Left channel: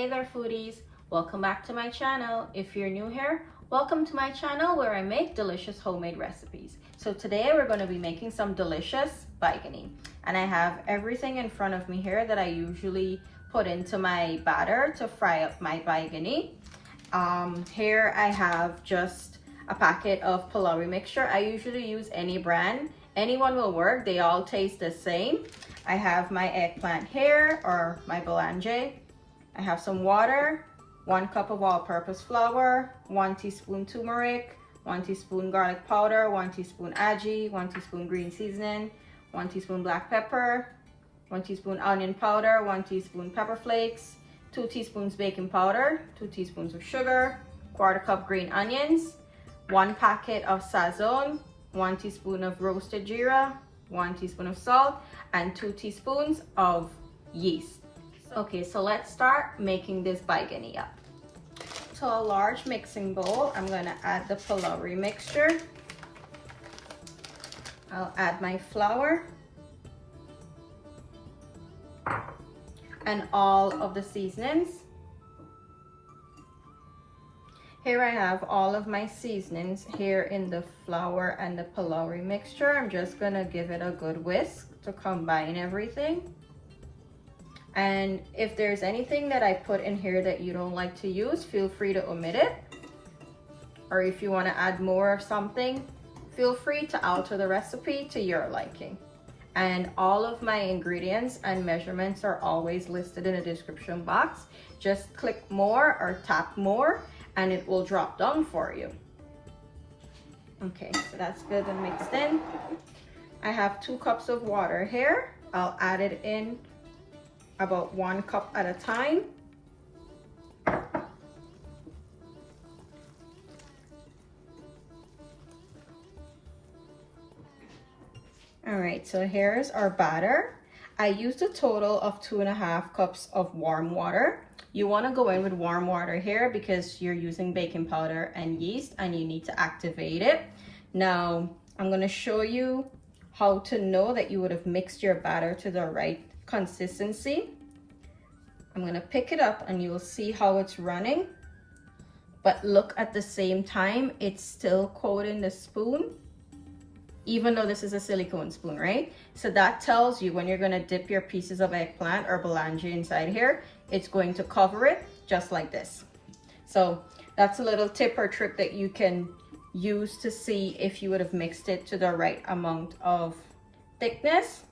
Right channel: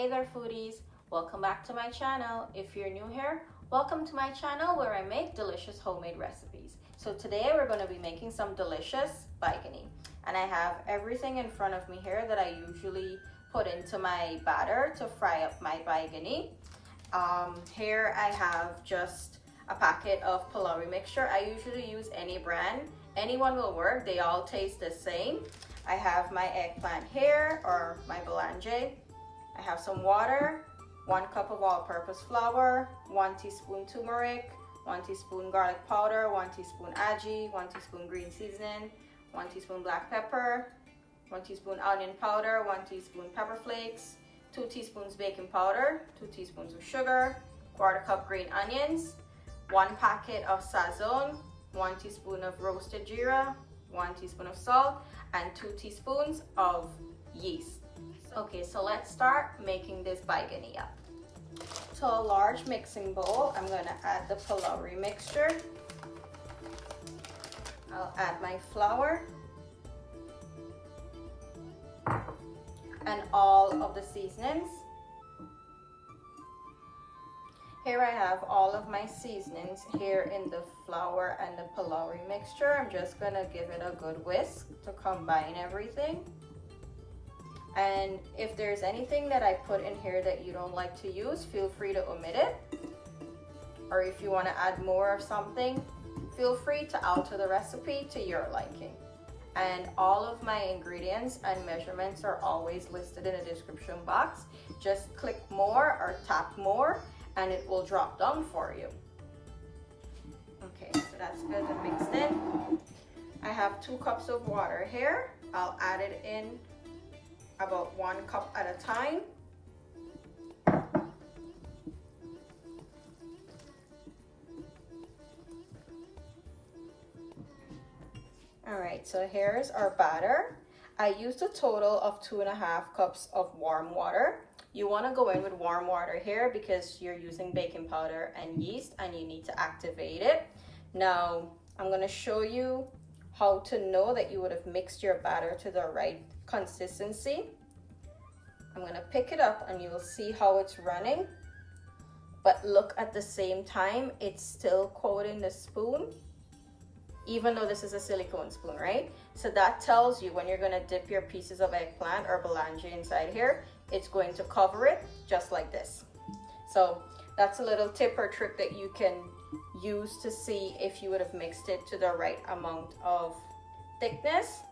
Hey there foodies, welcome back to my channel. If you're new here, welcome to my channel where I make delicious homemade recipes. So today we're going to be making some delicious Baiganee, and I have everything in front of me here that I usually put into my batter to fry up my Baiganee. Here I have just a packet of phalourie mixture. I usually use any brand, anyone will work, they all taste the same. I have my eggplant here, or my baiganee. I have some water, 1 cup of all-purpose flour, 1 teaspoon turmeric, 1 teaspoon garlic powder, 1 teaspoon ajee, 1 teaspoon green seasoning, 1 teaspoon black pepper, 1 teaspoon onion powder, 1 teaspoon pepper flakes, 2 teaspoons baking powder, 2 teaspoons of sugar, 1/4 cup green onions, 1 packet of sazon, 1 teaspoon of roasted jeera, 1 teaspoon of salt, and 2 teaspoons of yeast. Okay, so let's start making this Baiganee up. To a large mixing bowl, I'm going to add the phalourie mixture. I'll add my flour and all of the seasonings. Here I have all of my seasonings here in the flour and the phalourie mixture. I'm just going to give it a good whisk to combine everything. And if there's anything that I put in here that you don't like to use, feel free to omit it. Or if you want to add more of something, feel free to alter the recipe to your liking. And all of my ingredients and measurements are always listed in the description box. Just click more or tap more and it will drop down for you. Okay, so that's good and mixed in. I have 2 cups of water here. I'll add it in about 1 cup at a time. All right, so here's our batter. I used a total of 2.5 cups of warm water. You want to go in with warm water here because you're using baking powder and yeast and you need to activate it. Now, I'm going to show you how to know that you would have mixed your batter to the right consistency. I'm going to pick it up and you'll see how it's running. But look, at the same time, it's still coating the spoon, even though this is a silicone spoon, right? So that tells you when you're going to dip your pieces of eggplant or baiganee inside here, it's going to cover it just like this. So that's a little tip or trick that you can use to see if you would have mixed it to the right amount of thickness.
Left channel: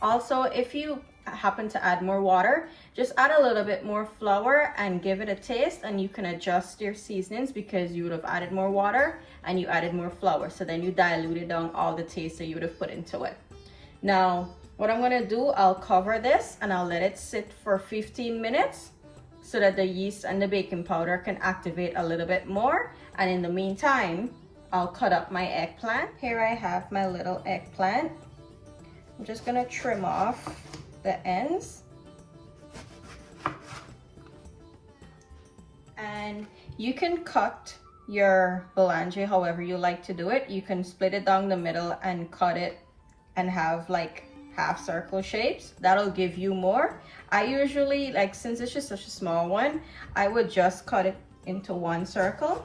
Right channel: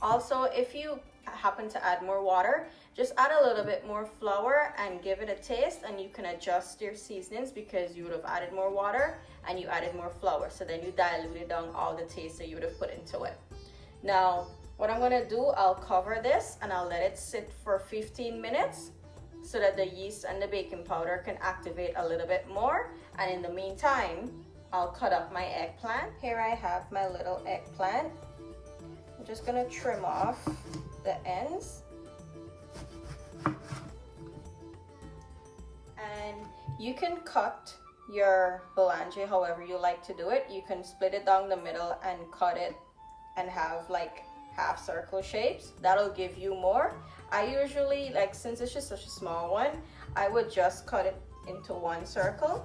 Also, if you happen to add more water, just add a little bit more flour and give it a taste, and you can adjust your seasonings because you would have added more water and you added more flour, so then you diluted down all the taste that you would have put into it. Now what I'm going to do, I'll cover this and I'll let it sit for 15 minutes so that the yeast and the baking powder can activate a little bit more. And in the meantime, I'll cut up my eggplant. Here I have my little eggplant. I'm just going to trim off the ends. And you can cut your baiganee however you like to do it. You can split it down the middle and cut it and have like half circle shapes. That'll give you more. I usually, like, since it's just such a small one, I would just cut it into 1 circle.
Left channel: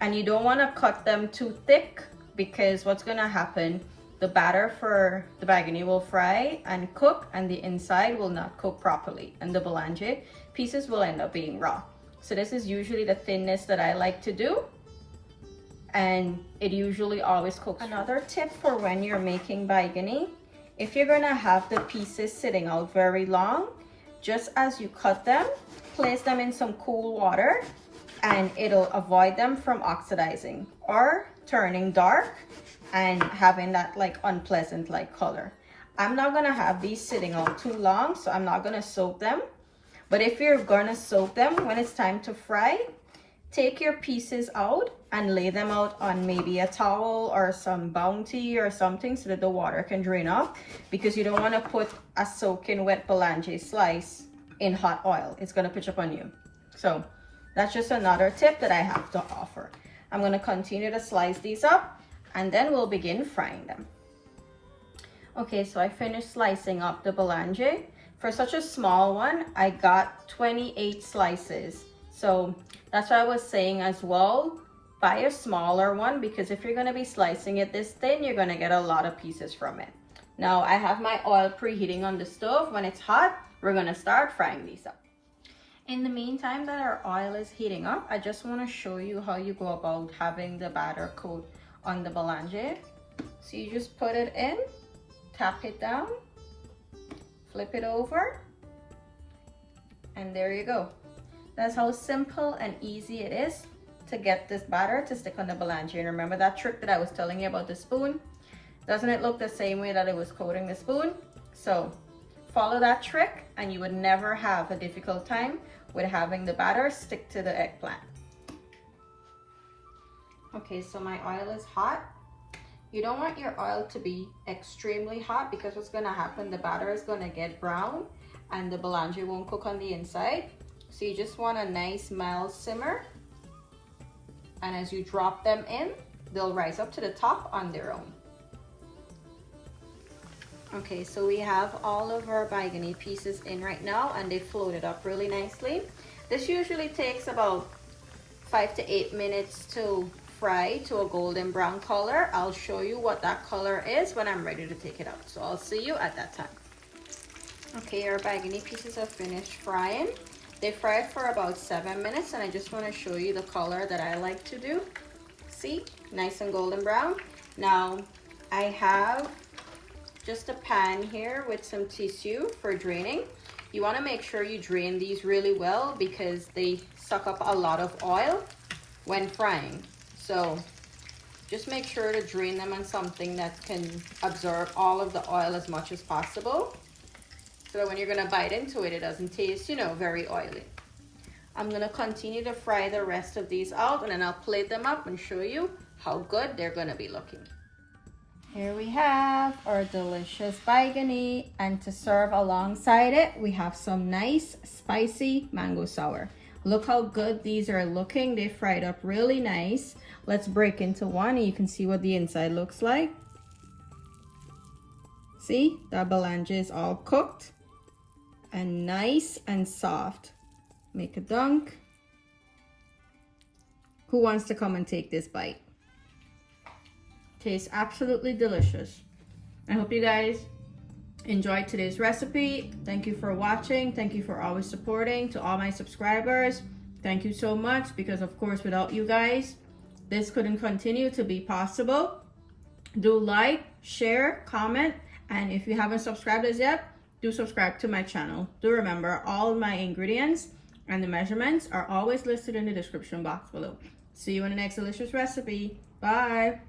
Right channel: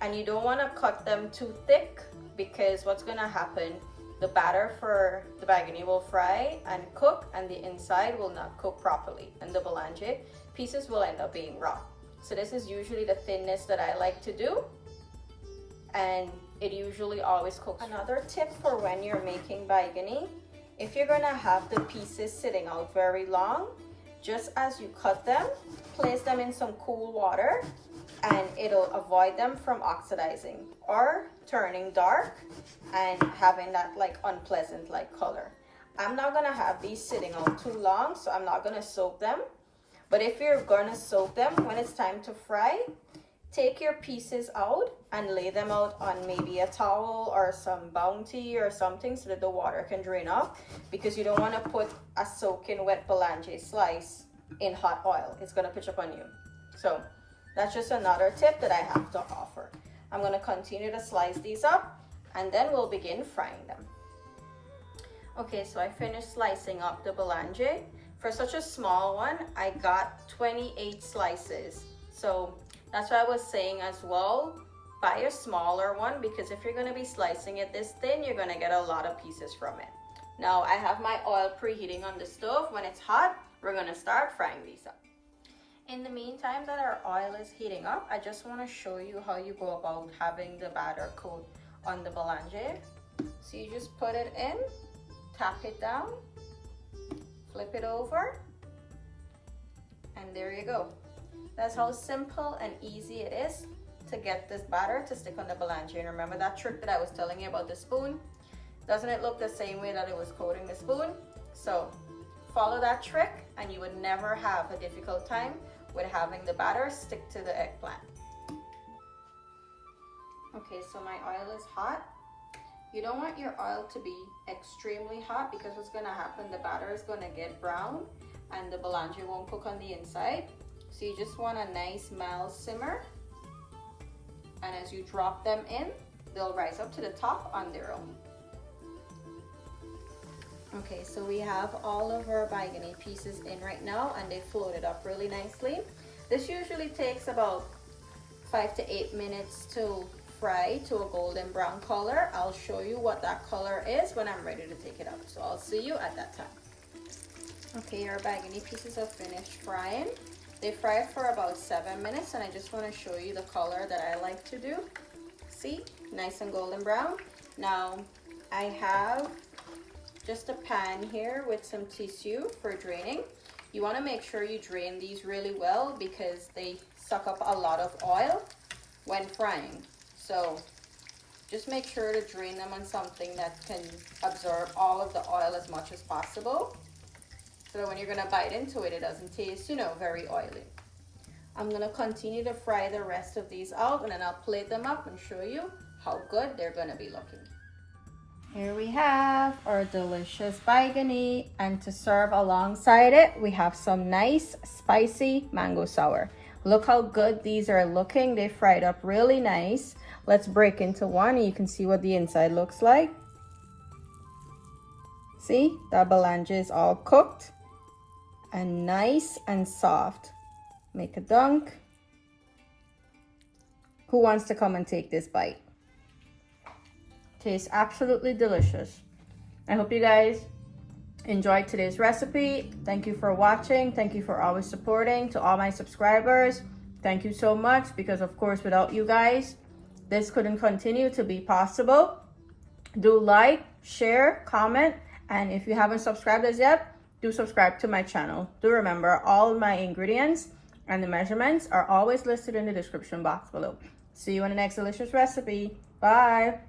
And you don't want to cut them too thick because what's going to happen, the batter for the Baiganee will fry and cook and the inside will not cook properly and the baiganee pieces will end up being raw. So this is usually the thinness that I like to do, and it usually always cooks. Another tip for when you're making Baiganee, if you're going to have the pieces sitting out very long, just as you cut them, place them in some cool water and it'll avoid them from oxidizing or turning dark and having that like unpleasant like color. I'm not going to have these sitting out too long, so I'm not going to soak them. But if you're going to soak them, when it's time to fry, take your pieces out and lay them out on maybe a towel or some Bounty or something so that the water can drain off, because you don't want to put a soaking wet baiganee slice in hot oil. It's going to pitch up on you. So that's just another tip that I have to offer. I'm going to continue to slice these up and then we'll begin frying them. Okay, so I finished slicing up the baiganee. For such a small one, I got 28 slices. So that's what I was saying as well. Buy a smaller one, because if you're gonna be slicing it this thin, you're gonna get a lot of pieces from it. Now I have my oil preheating on the stove. When it's hot, we're gonna start frying these up. In the meantime that our oil is heating up, I just wanna show you how you go about having the batter coat on the boulange. So you just put it in, tap it down, flip it over, and there you go. That's how simple and easy it is to get this batter to stick on the boulange. And remember that trick that I was telling you about the spoon? Doesn't it look the same way that it was coating the spoon? So follow that trick and you would never have a difficult time with having the batter stick to the eggplant. Okay, so my oil is hot. You don't want your oil to be extremely hot, because what's gonna happen, the batter is gonna get brown and the boulange won't cook on the inside. So you just want a nice mild simmer. And as you drop them in, they'll rise up to the top on their own. Okay, so we have all of our Baiganee pieces in right now, and they floated up really nicely. This usually takes about 5 to 8 minutes to fry to a golden brown color. I'll show you what that color is when I'm ready to take it out. So I'll see you at that time. Okay, our Baiganee pieces are finished frying. They fried for about 7 minutes, and I just want to show you the color that I like to do. See, nice and golden brown. Now I have just a pan here with some tissue for draining. You want to make sure you drain these really well, because they suck up a lot of oil when frying. So just make sure to drain them on something that can absorb all of the oil as much as possible, so that when you're going to bite into it, it doesn't taste, very oily. I'm going to continue to fry the rest of these out, and then I'll plate them up and show you how good they're going to be looking. Here we have our delicious Baiganee, and to serve alongside it, we have some nice spicy mango sour. Look how good these are looking. They fried up really nice. Let's break into one and you can see what the inside looks like. See, that boulange is all cooked and nice and soft. Make a dunk. Who wants to come and take this bite? Tastes absolutely delicious. I hope you guys enjoyed today's recipe. Thank you for watching. Thank you for always supporting. To all my subscribers, thank you so much, because of course without you guys, this couldn't continue to be possible. Do like, share, comment, and if you haven't subscribed as yet, do subscribe to my channel. Do remember, all of my ingredients and the measurements are always listed in the description box below. See you in the next delicious recipe. Bye.